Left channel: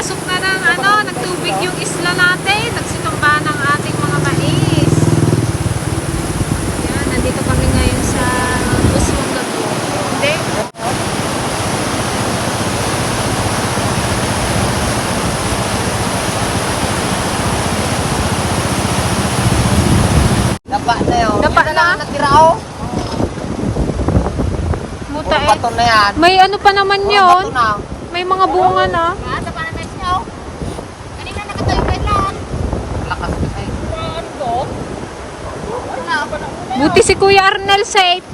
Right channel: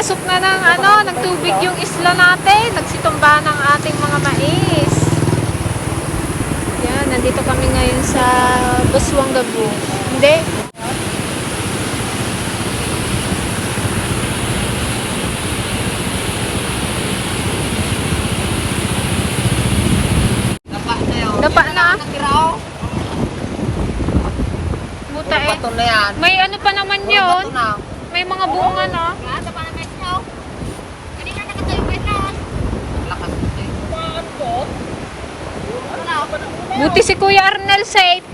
pumasok na ng tubig yung isla natin. Nagsitumba ng ating mga mais. Yan, nandito kami ngayon sa Buswang Gago. Hindi. Dapa na. Muta eh. May ano pa naman yun. May mga bunga na. Buti si Kuya Arnel safe.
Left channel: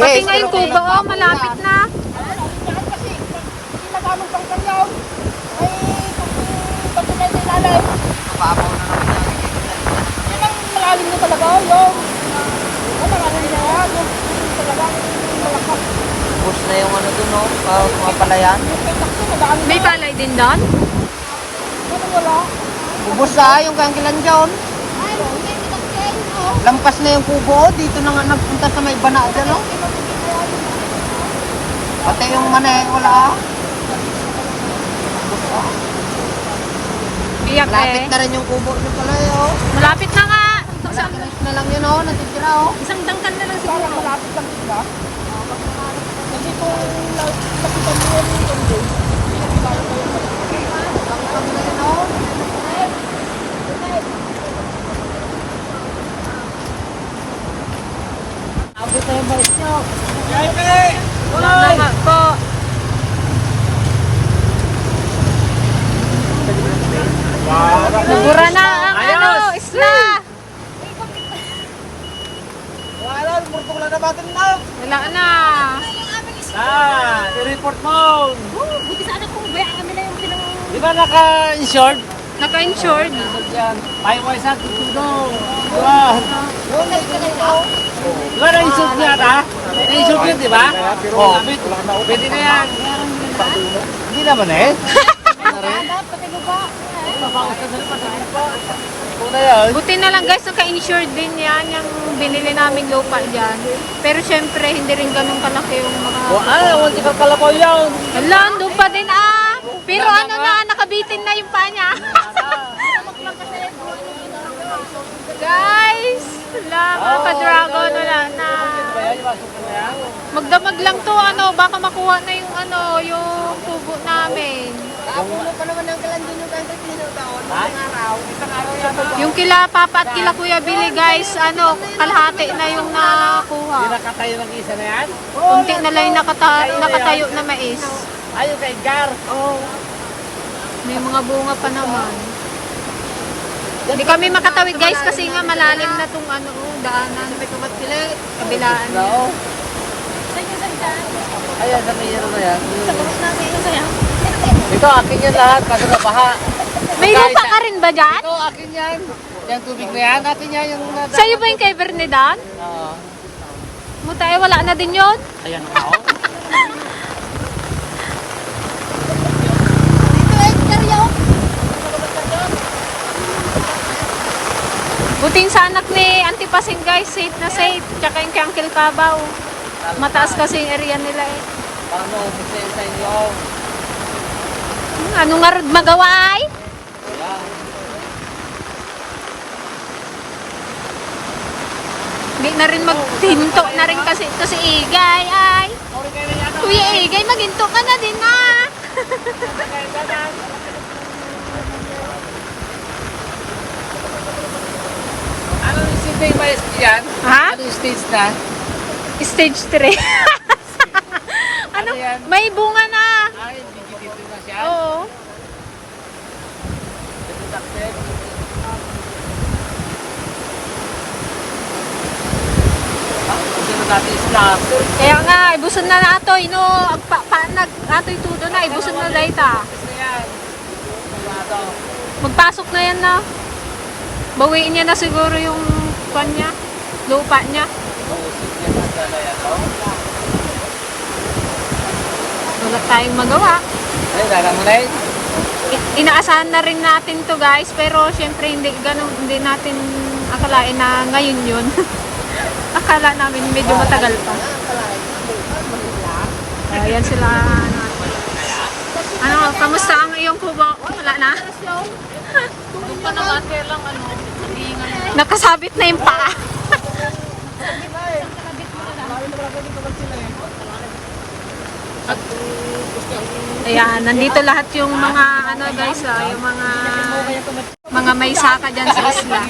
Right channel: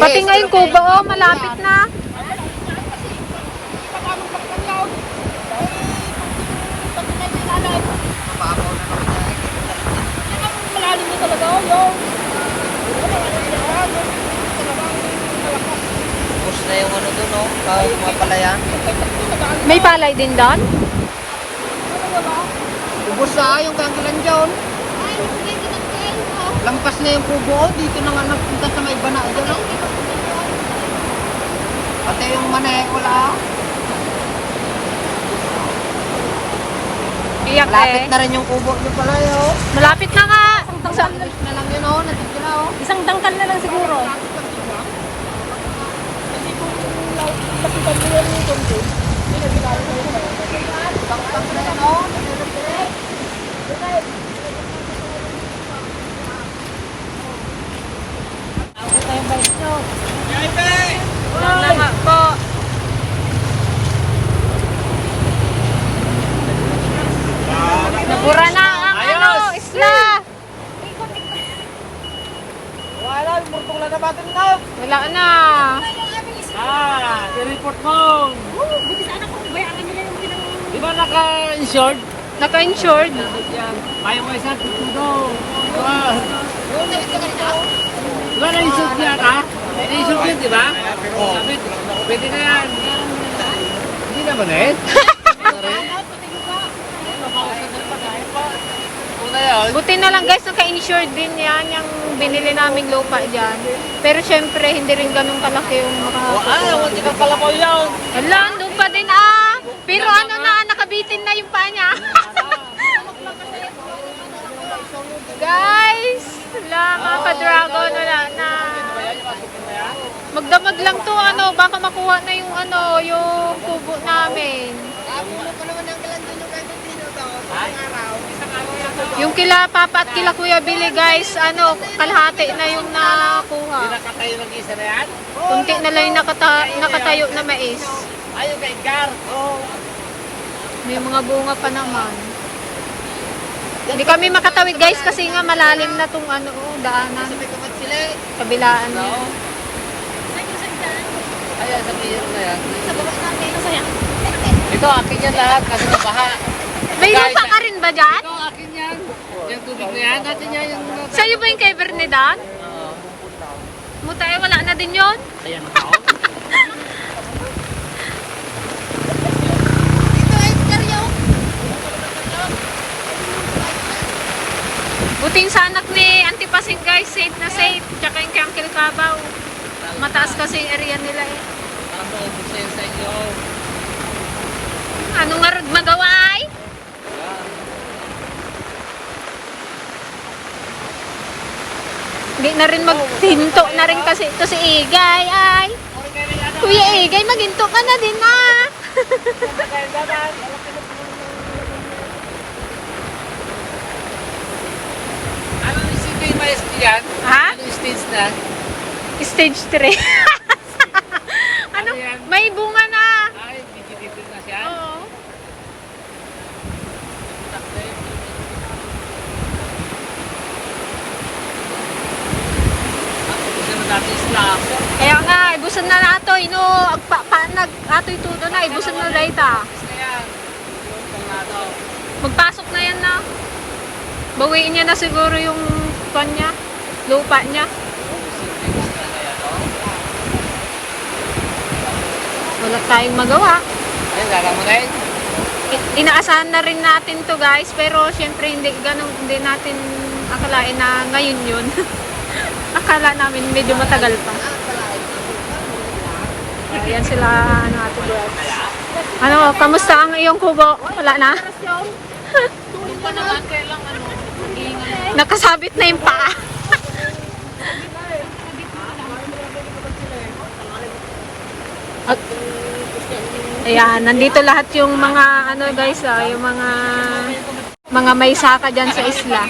Pati ngayon kubo, malapit na. May palay din doon? Ubus sa yung kangilan dyan. Lampas na yung kubo. Dito na nga nagpunta sa may bana dyan. No? Pati yung manay wala. Iyak Malapit eh. na rin yung kubo dyan pala yun. Malapit na nga. Malapit na lang yun oh. Natitira oh. Isang dangkal na lang siguro. Malapit lang yun oh. Kasi kung lapitan mo yan yung dyan. Wala na nga po. Nabura na ang isla. Wala, murtong lang na batin na. Wala na. I-report mo. Buti sana kung bayaran nila yung pinang... Di ba naka-insured? Naka-insured. Payo ko isang tutudo. Diba? Diba na-insured niya ha? Na-insured yun, di ba? Oo. Pwede na yan. Hindi naman eh. Buti na lang guys, naka-insured din yan yung binili naming lupa dyan. Pero syempre, hindi rin ganun kalaki yung makakukuha. Hindi ka kalabaw yan. Hala, doon pa din Pero ano na, nakabitin na yung pa niya. Guys, wala mga ka-dragon, wala na. Magdamag lang to, baka makuha na yung yung tubo namin. Yung kila Papa at kila Kuya Billy guys, kalahati na yung nakuha. Nakatayo ng isa na yan? Kunti na lang yung nakatayo na mais. Ayun sa Edgar. May mga bunga pa naman. Hindi kami makatawid guys kasi nga malalim na tong daanan. Kabilaan niya. Ayan, napihiro na yan. Ito, akin yan lahat. Kasi nabaha. May lupa ka rin ba dyan? Ito, akin yan. Yung tubig na yan. Atin yan yung... Sa'yo ba yung kay Bernedan? Oo. Mutay, wala na din yun? Ayan ako. Buting sa anak ni Auntie Pasing guys, safe na safe. Tsaka yung Uncle Cabaw. Mataas kasi yung area nila eh. Paano official sa inyo? Ano nga magawa ay? Hindi na rin maghinto na rin kasi ito si Igay ay. Kuya Igay, maghinto ka na din Ano yung sibay ba yan? Ha? Ano yung stage na? Stage 3. Ano yan? May bunga na. Ay, dikit na siya. Oo. Kaya nga, ibuson na nato, ato'y tudo na, ibuson na dayta. Magpasok na yan na. Bawiin niya na siguro yung kanya, lupa niya. Wala tayong magawa. Ay, lalang na yun. inaasahan na rin natin to guys, pero syempre hindi natin akalain na ngayon yun. Akala namin medyo matagal pa. Ayan sila, ano ate guys. Ano, kamusta ang iyong kubo? Wala na? Tulog ka naman, kaya lang ano, Nakasabit na yung paa. Ayan, nandito lahat yung mga ano guys, yung mga may saka dyan sa isla.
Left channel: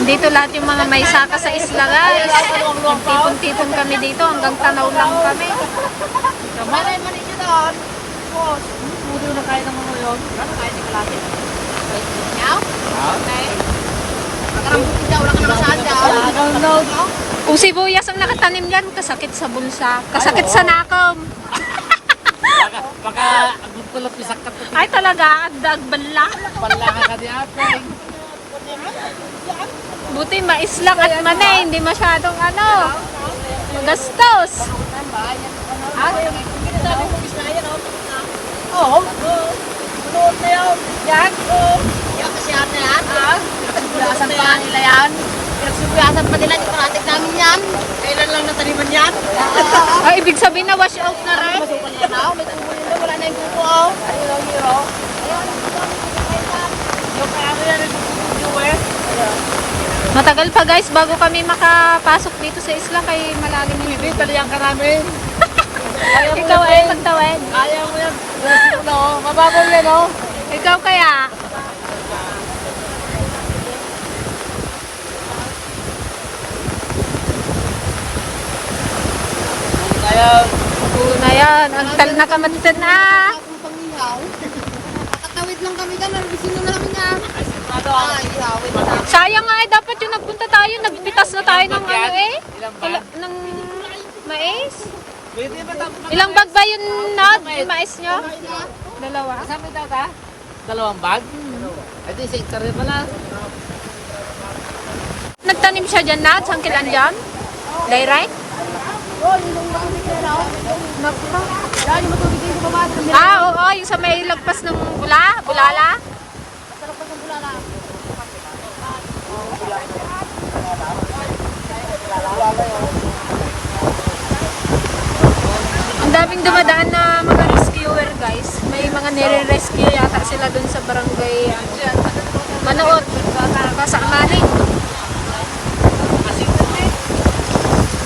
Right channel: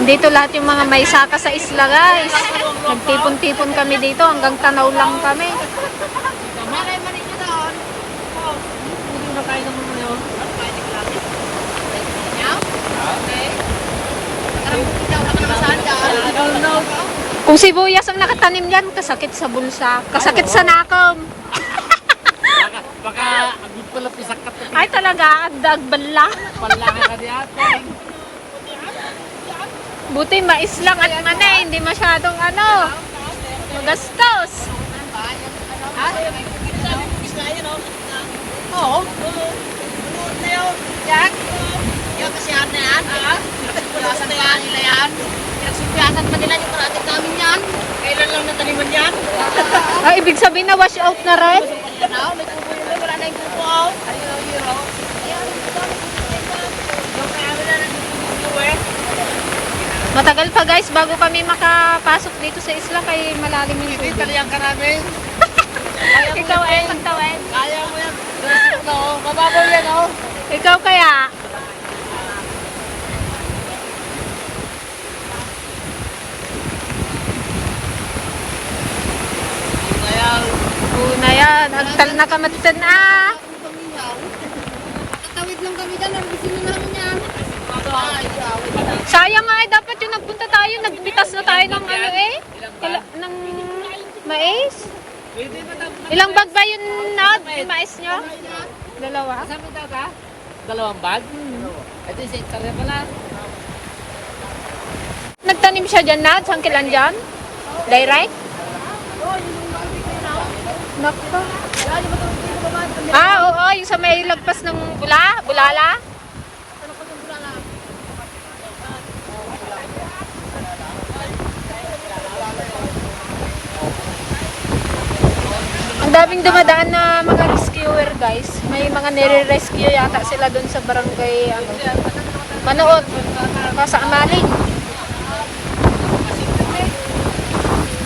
Nandito lahat yung mga may saka sa isla guys. Nagtipon-tipon kami dito, hanggang tanaw lang kami. Kung sibuyas ang nakatanim yan, kasakit sa bulsa, kasakit sa nakam. baka agad pala pisak ka Ay talaga, dagbala. palahan ka di apeng. Buti mais lang at manay, hindi masyadong ano, magastos. Bunuot na yun. Yan. Yan kasi ate yan. Bunuot na yan. Nila yan. Nagsipiasan pa nila yung karating namin yan. Kailan lang nataniman yan. Ay, ibig sabihin na wash out na rin. May tubo yun. Wala na yung tubo. Matagal pa guys bago kami makapasok dito sa isla kay malalim yung Hindi, tubig. taliyang ka namin. Ikaw ay magtawid. Ayaw mo yan. Plastic na oh. Mababaw yan oh. Ikaw kaya? Ayaw. Una yan, agtal na kamatsan na. Tatawid lang kami ka. Nalusin na namin yan. Sayang nga dapat yung nagpunta tayo, nagpitas na tayo ng ano ng mais. Ilang bag ba yun na, yung mais nyo? Dalawa? Saan daw ka? Dalawang bag? Ito yung sector rin pala. Nagtanim siya dyan na, saan kilan dyan? Direct? Nako. Oo, yung sa may lagpas ng bulala. Ang daming dumadaan na mga rescuer guys. May mga nire-rescue yata sila dun sa barangay Manood. Kasamaling.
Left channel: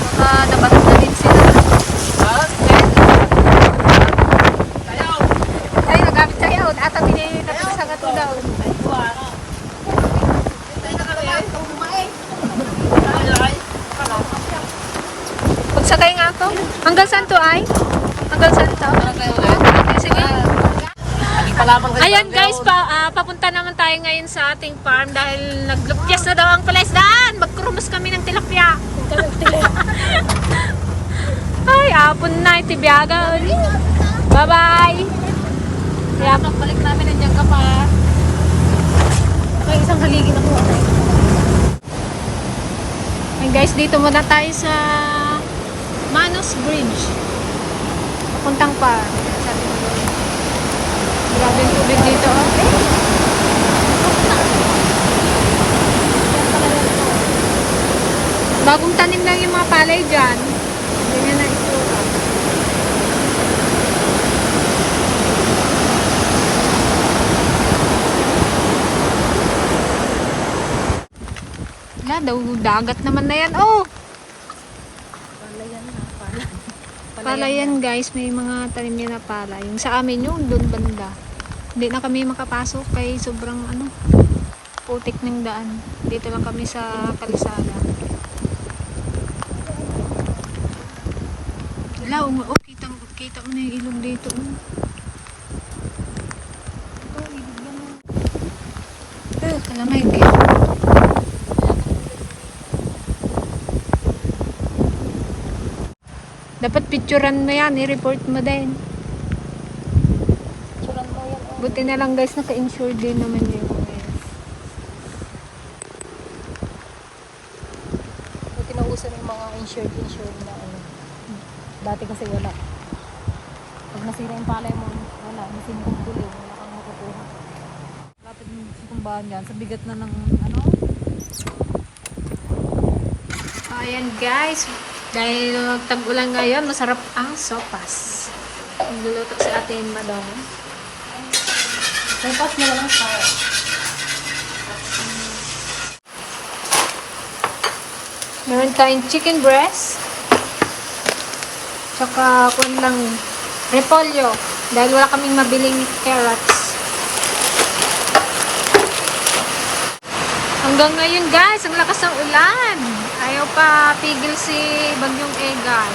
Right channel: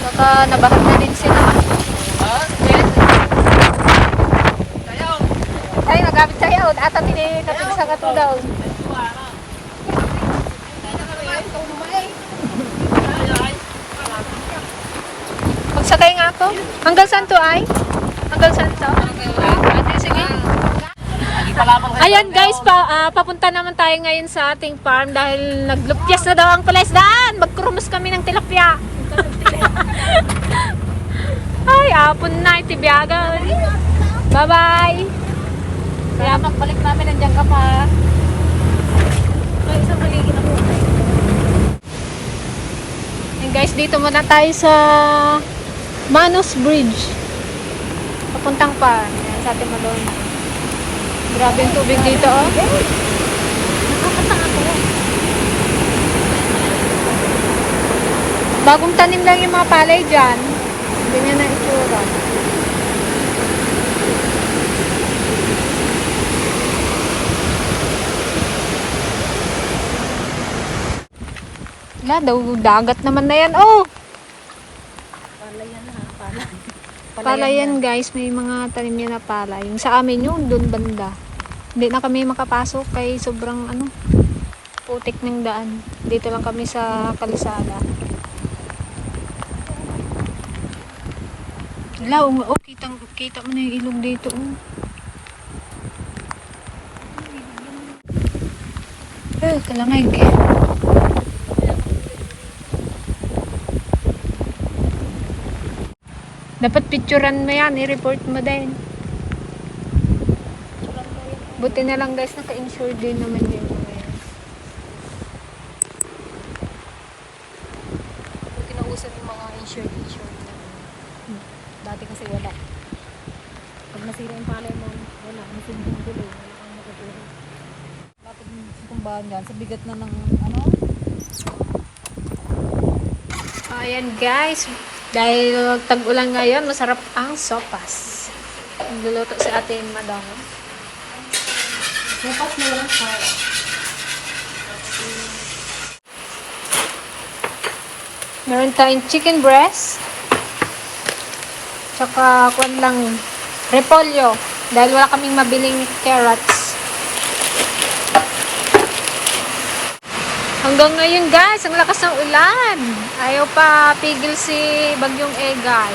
Baka nabahan na din sila. Ay, nagamit tayo. Ata tinitapig sa gato daw. Magsakay nga ako. Hanggang saan to ay? Hanggang saan to? Sige. Ayan guys, papunta naman tayo ngayon sa ating farm dahil naglupyas na daw ang palaisdaan. Magkurumos kami ng tilapia. Ay, apon na itibiyagan. Bye-bye. Kaya Balik namin, nandiyan ka pa. May isang haligid ako. Ay guys, dito muna tayo sa Manos Bridge. Papuntang farm. Sabi mo doon. Grabe yung tubig dito, oh. Bagong tanim lang yung mga palay dyan. Ganyan na itsura. Wala daw, dagat naman na yan, oh! Palayan guys, may mga tanim yan na pala. Yung sa amin yung doon banda. Hindi na kami makapasok kay sobrang putik ng daan. Dito lang kami sa kalisada. Wala, oh, kita mo na yung ilog dito, oh. Kalamay, eh. Dapat picturean mo yan, i-report mo din. Buti na lang guys, naka-insure din naman yung mga yan. Buti na uso ng mga insured na ano. Dati kasi wala. Pag nasira yung palay mo, wala. Nasimbong gulo, wala kang makukuha. Lapit ng tumbahan dyan, sa bigat na ng ano. Ayan guys, dahil tag-ulan ngayon, masarap ang sopas. Nagluluto si Ate Madong. May pas na walang sawa. Meron tayong chicken breast. Tsaka kuwan lang repolyo. Dahil wala kaming mabiling carrots. Hanggang ngayon guys, ang lakas ng ulan. Ayaw pa pigil si Bagyong Egay.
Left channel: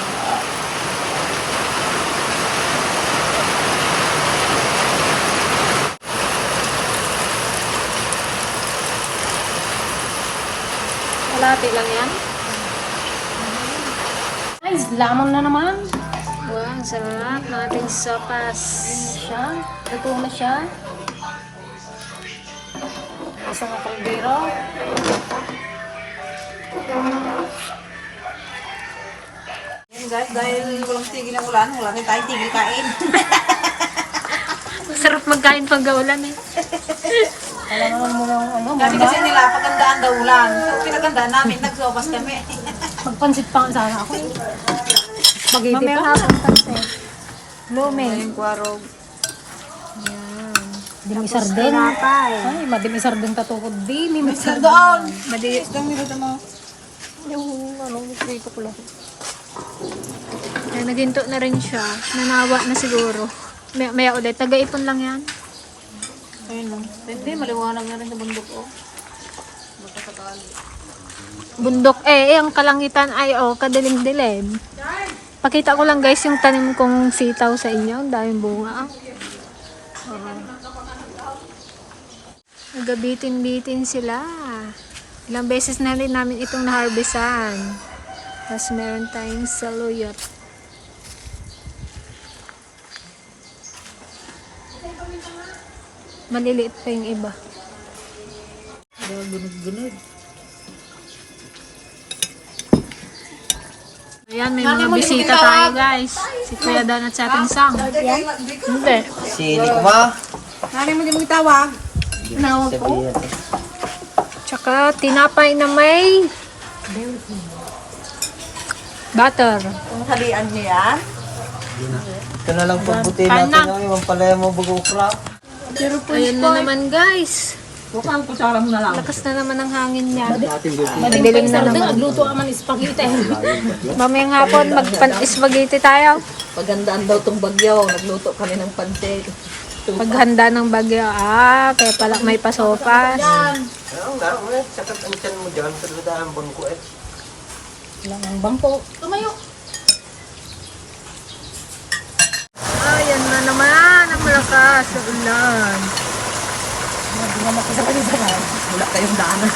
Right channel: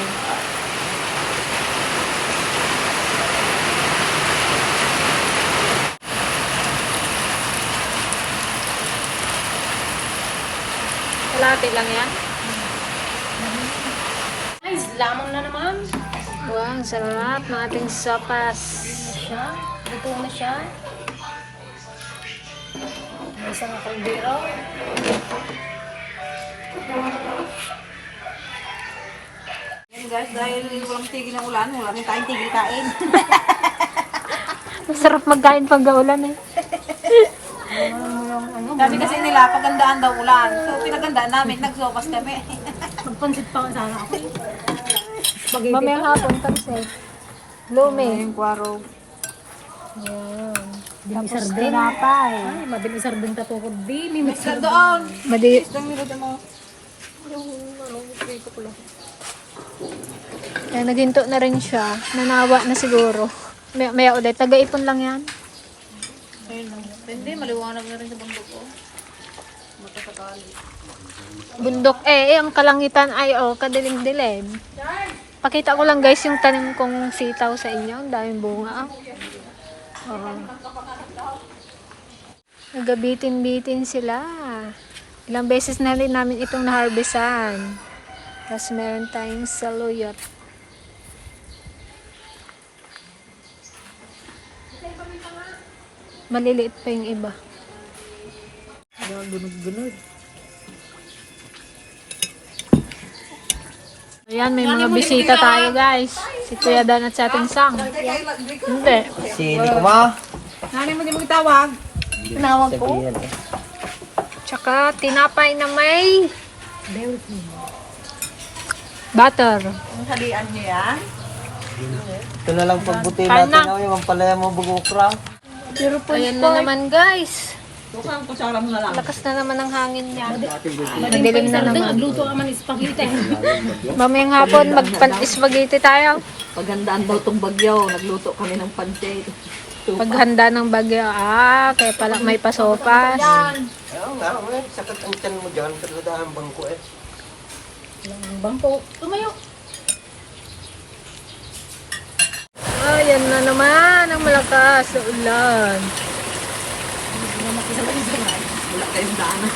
Kalahati lang yan. Ay, lamang na naman. Wow, ang sarap ng ating sopas. Ito na siya. Nasa ng kaldero. Yan guys, dahil walang tigil ng ulan, wala rin tayong tigil kain. Masarap magkain pag gaulan eh. Sabi kasi nila, pagandaan daw ulan. So pinagandaan namin, nagsopas kami. Magpansit pa nga sana ako. Spaghetti Mamayang pa. hapon kasi. Lume. Yung kwarog. Yan. Dimisar Tapos din. tinapay. Ay, madimisar din katukod. Di, Sa mimisar doon! Mali. Isang minuto mo. Kaya naghinto na rin siya. Nanawa na siguro. Maya ulit. Taga-ipon lang yan. Ayun lang. Hindi, maliwanag na rin sa bundok ko. Makasakali. Bundok ang kalangitan ay kadilim-dilim. Pakita ko lang guys yung tanim kong sitaw sa inyo. Ang daming bunga. Nagabitin-bitin sila. Ilang beses na rin namin itong naharbisan. Tapos meron tayong saluyot. Maliliit pa yung iba. Gunod-gunod. Ayan, may mga bisita tayo guys. Si Kuya Dan at sa ating sang. Hindi. Sini ko ma. Nani mo din mo tawag? Tinawag ko. Tsaka tinapay na may butter. Kung kalian niya yan. Ito na lang pagbuti Kain natin na. namin. Mampalaya mo bugukra. Ayun na naman guys. Bukang kusara mo na lang. Lakas na naman ang hangin niya. Dating buti. Madilim na naman. Nagluto ka man spaghetti. Mamayang hapon magpan-spaghetti tayo. Pagandaan daw tong bagyo, nagluto kami ng pancit. Paghanda ng bagyo. Kaya pala may pasopas. Ayaw nga, ulit. Sakit ang tiyan mo dyan. Sa ludahan bangko eh. Ang bangko. Tumayo. Ayan na naman ang malakas sa ulan. Wala kayong daanan.